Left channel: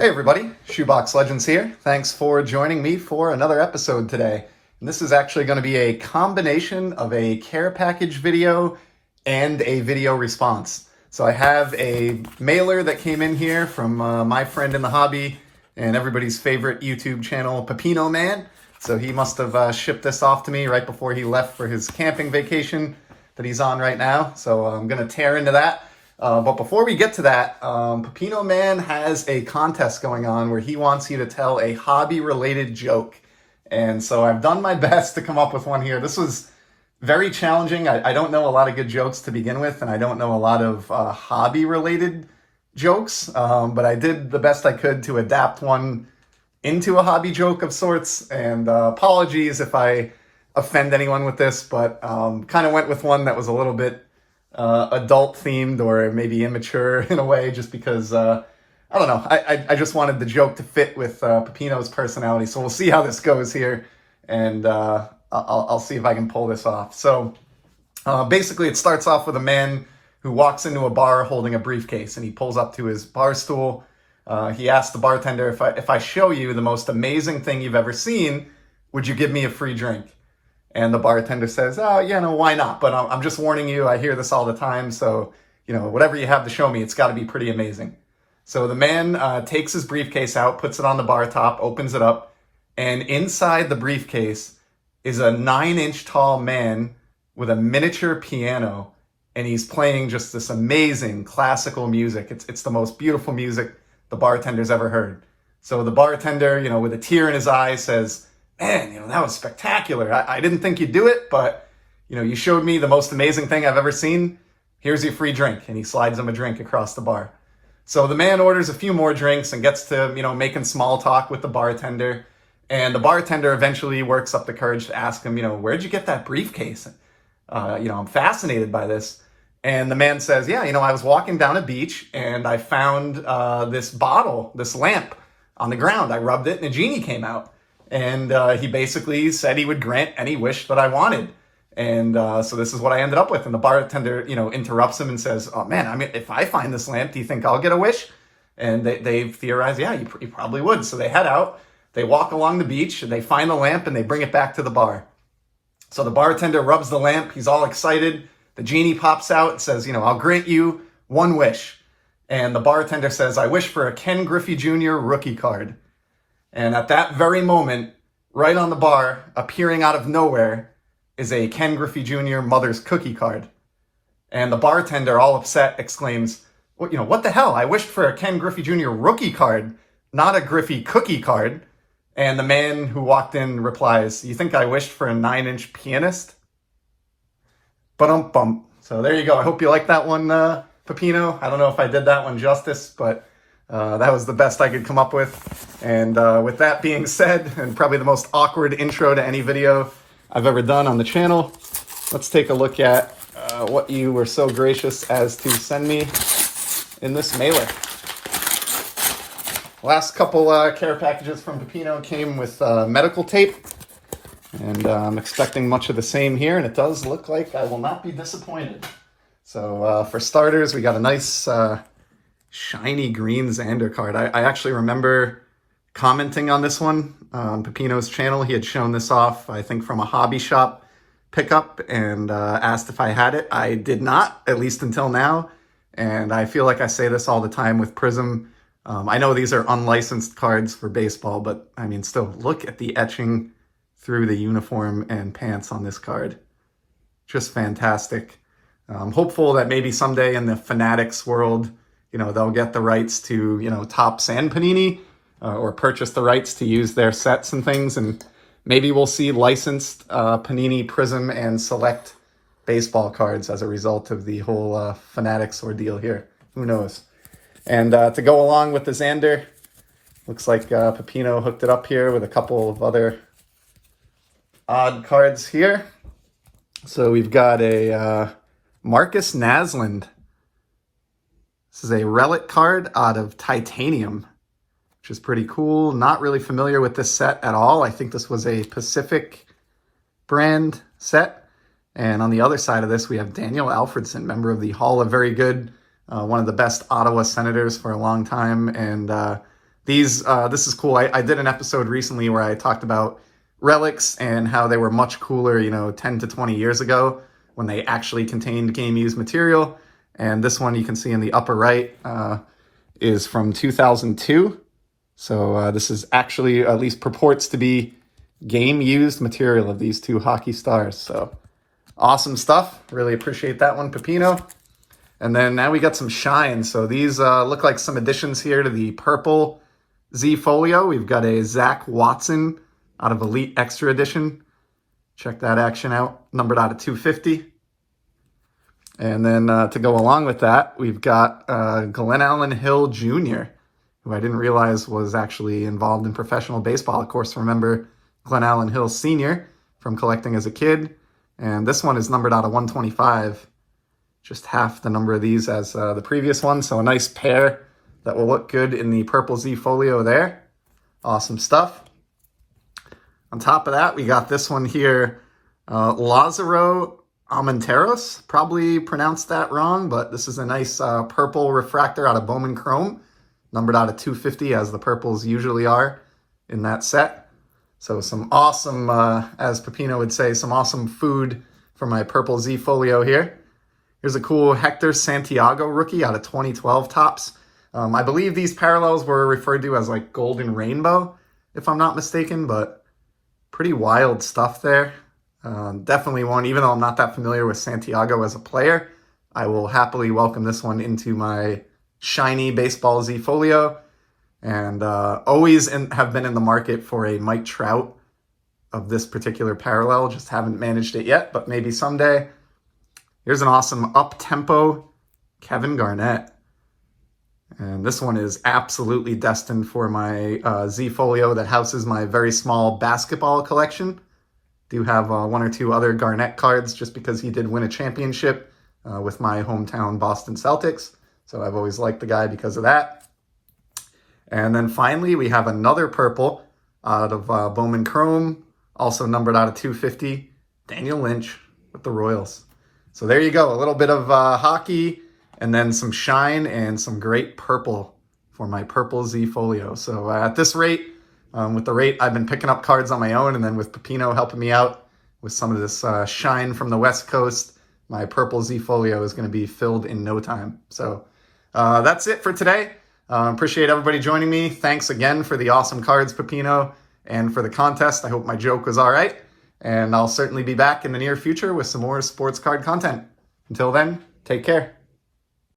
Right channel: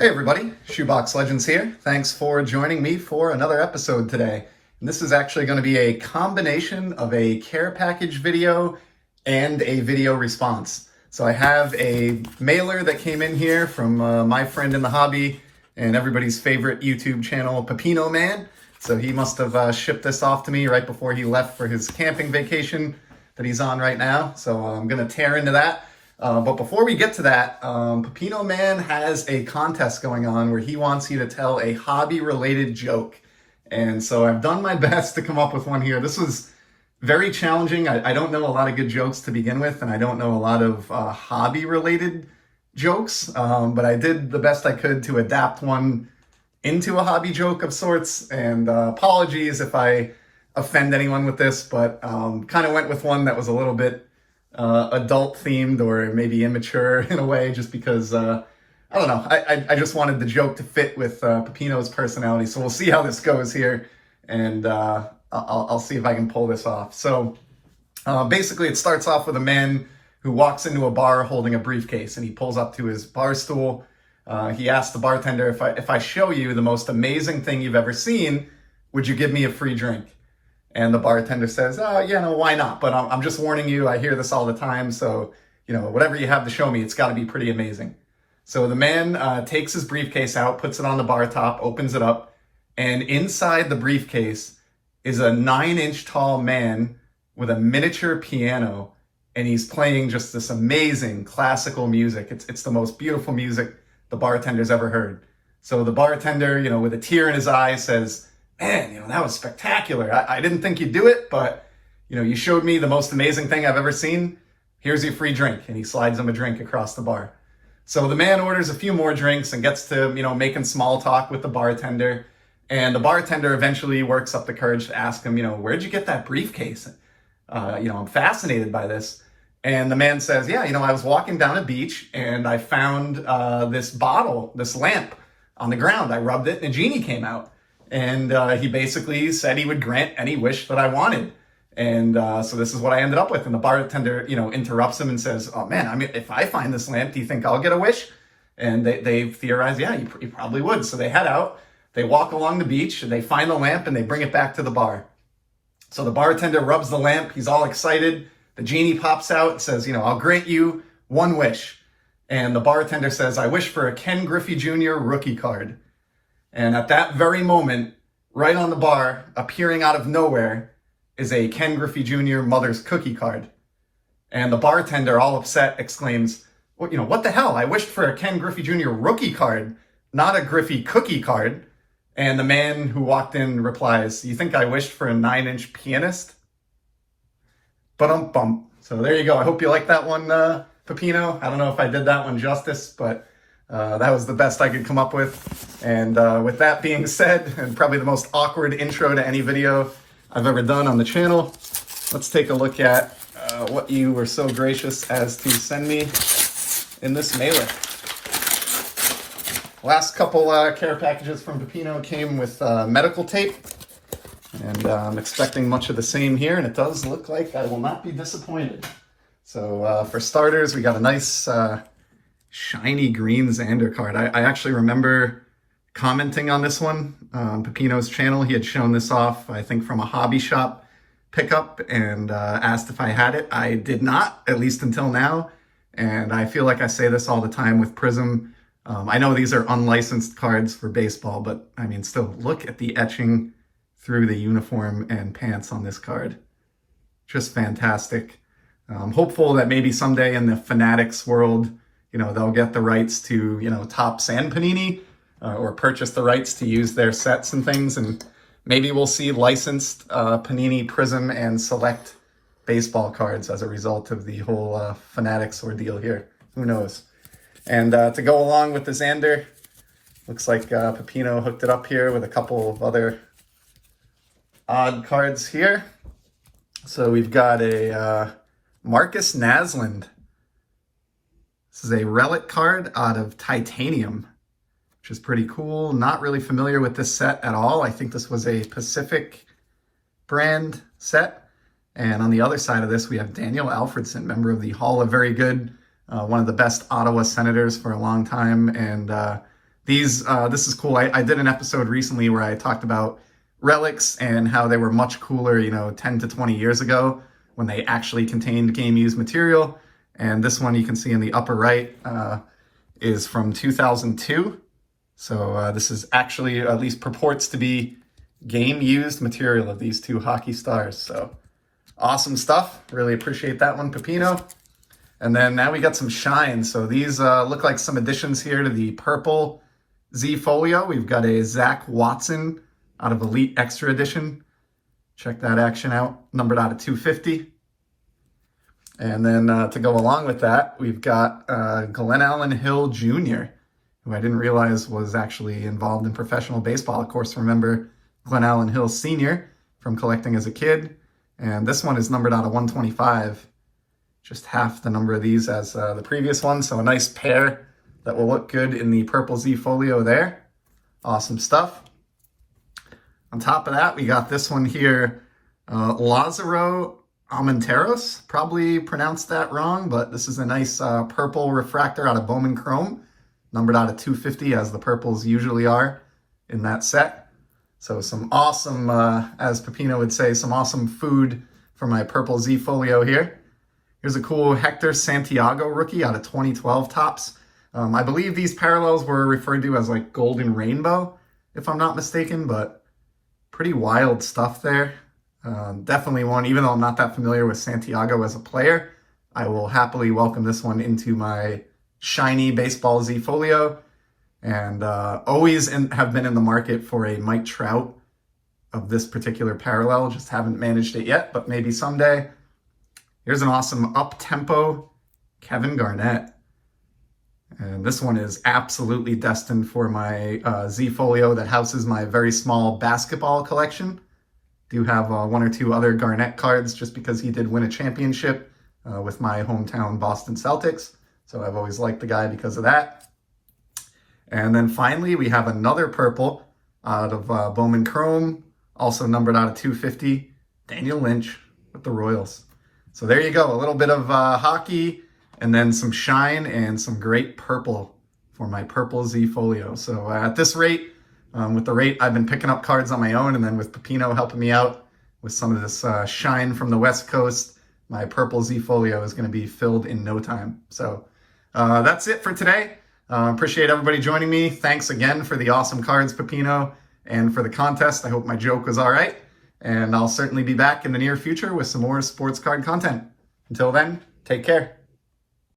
Hey everybody, Shoebox Legends here. Thanks for joining me for another episode today. And this is actually going to be a combination of a care package video and a video response. So I have a mailer that came in here from my friend in the hobby and everybody's favorite YouTube channel, Pepino Man. So he must have shipped this off to me right before he left for his camping vacation that he's on right now. So I'm going to tear into that. But before we get to that, Pepino Man has a contest going on where he wants you to tell a hobby-related joke. And so I've done my best to come up with one here. This was very challenging. I don't know a lot of good jokes to begin with, and I don't know a lot of hobby-related jokes. But I did the best I could to adapt one into a hobby joke of sorts. And apologies if I offend anyone with this, but kind of went with one that was a little bit adult themed or maybe immature in a way, just because I don't know, I just wanted the joke to fit with Pepino's personality. So we'll see how this goes here, and I'll see if I can pull this off. So basically it starts off with a man who walks into a bar holding a briefcase, and he pulls up to his bar stool. He asks the bartender, if I show you the most amazing thing you've ever seen, would you give me a free drink? And the bartender says, oh, yeah, no, why not? But I'm just warning you, I hear this all the time, so, you know, whatever you have to show me, it's got to be pretty amazing. So the man takes his briefcase out, puts it on the bar top, opens it up, and inside the briefcase is a 9-inch tall man with a miniature piano, and he's playing just this amazing classical music. It's the most beautiful music the bartender's ever heard. So the bartender, you know, with a tear in his eye says, man, you know, that was spectacular. I didn't think you'd do it, but, you know, you showed me the most amazing thing I've ever seen. Here's your free drink. And he slides him a drink across the bar. So the man orders a few more drinks and gets to, you know, making small talk with the bartender. And the bartender eventually works up the courage to ask him, you know, where'd you get that briefcase? You know, I'm fascinated by this. And the man says, yeah, you know, I was walking down a beach and I found this bottle, this lamp on the ground. I rubbed it and a genie came out. And he basically said he would grant any wish that I wanted. And so this is what I ended up with. And the bartender, you know, interrupts him and says, oh man, I mean, if I find this lamp, do you think I'll get a wish? And they theorize, yeah, you probably would. So they head out, they walk along the beach, and they find the lamp and they bring it back to the bar. So the bartender rubs the lamp, he's all excited. The genie pops out and says, you know, I'll grant you one wish. And the bartender says, I wish for a Ken Griffey Jr. rookie card. And at that very moment, right on the bar, appearing out of nowhere, is a Ken Griffey Jr. Mother's Cookie card. And the bartender, all upset, exclaims, well, you know, what the hell? I wished for a Ken Griffey Jr. rookie card, not a Griffey cookie card. And the man who walked in replies, you think I wished for a 9-inch pianist? Ba-dum-bum. So there you go. I hope you like that one, Pepino. I don't know if I did that one justice, but that was the best I could come up with. And with that being said, and probably the most awkward intro to any video I've ever done on the channel, let's take a look at what you were so gracious as to send me in this mailer. Last couple care packages from Pepino came with medical tape, and I'm expecting much of the same here, and it does look like I will not be disappointed. So for starters, we got a nice shiny green Xander card. I actually remember commenting on this one on Pepino's channel. He had shown this off, I think, from a hobby shop pickup, and asked if I had it. I did not, at least until now. And I feel like I say this all the time with Prism. I know these are unlicensed cards for baseball, but I mean, still, look at the etching through the uniform and pants on this card. Just fantastic. I'm hopeful that maybe someday in the Fanatics world, you know, they'll get the rights to, you know, Topps and Panini, or purchase the rights to use their sets and things, and maybe we'll see licensed Panini, Prism, and Select baseball cards as a result of the whole Fanatics ordeal here. Who knows? And to go along with the Xander, looks like Pepino hooked it up here with a couple of other odd cards here. So we've got a Marcus Naslund. This is a relic card out of titanium, which is pretty cool. Not really familiar with this set at all. I think this was a Pacific brand set. And on the other side of this, we have Daniel Alfordson, member of the Hall of Very Good, one of the best Ottawa Senators for a long time, and This is cool. I did an episode recently where I talked about relics and how they were much cooler, 10 to 20 years ago when they actually contained game-used material. And this one you can see in the upper right is from 2002. So this is actually, at least purports to be, game-used material of these two hockey stars. So awesome stuff. Really appreciate that one, Pepino. And then now we got some shine. So these look like some additions here to the purple Z Folio. We've got a Zach Watson out of Elite Extra Edition. Check that action out. Numbered out of 250. And then to go along with that, we've got Glenn Allen Hill Jr., who I didn't realize was actually involved in professional baseball. Of course, remember Glenn Allen Hill Sr. from collecting as a kid. And this one is numbered out of 125. Just half the number of these as the previous one. So a nice pair that will look good in the purple Z Folio there. Awesome stuff. On top of that, we got this one here, Lazaro Almonteros. Probably pronounced that wrong, but this is a nice purple refractor out of Bowman Chrome, numbered out of 250 as the purples usually are in that set. So some awesome, as Pepino would say, some awesome food for my purple Z Folio here. Here's a cool Hector Santiago rookie out of 2012 Topps. I believe these parallels were referred to as like Golden Rainbow, if I'm not mistaken, but pretty wild stuff there. Definitely one, even though I'm not that familiar with Santiago as a player, I will happily welcome this one into my shiny baseball Z Folio. And always have been in the market for a Mike Trout of this particular parallel. Just haven't managed it yet, but maybe someday. Here's an awesome up-tempo Kevin Garnett. And this one is absolutely destined for my Z Folio that houses my very small basketball collection. Do have one or two other Garnett cards just because he did win a championship with my hometown Boston Celtics. So I've always liked the guy because of that. And then finally, we have another purple out of Bowman Chrome, also numbered out of 250, Daniel Lynch with the Royals. So there you go, a little bit of hockey, and then some shine and some great purple for my purple Z Folio. So at this rate, with the rate I've been picking up cards on my own, and then with Pepino helping me out with some of this shine from the West Coast, my purple Z Folio is going to be filled in no time. So that's it for today. Appreciate everybody joining me. Thanks again for the awesome cards, Pepino, and for the contest. I hope my joke was all right. And I'll certainly be back in the near future with some more sports card content. Until then, take care.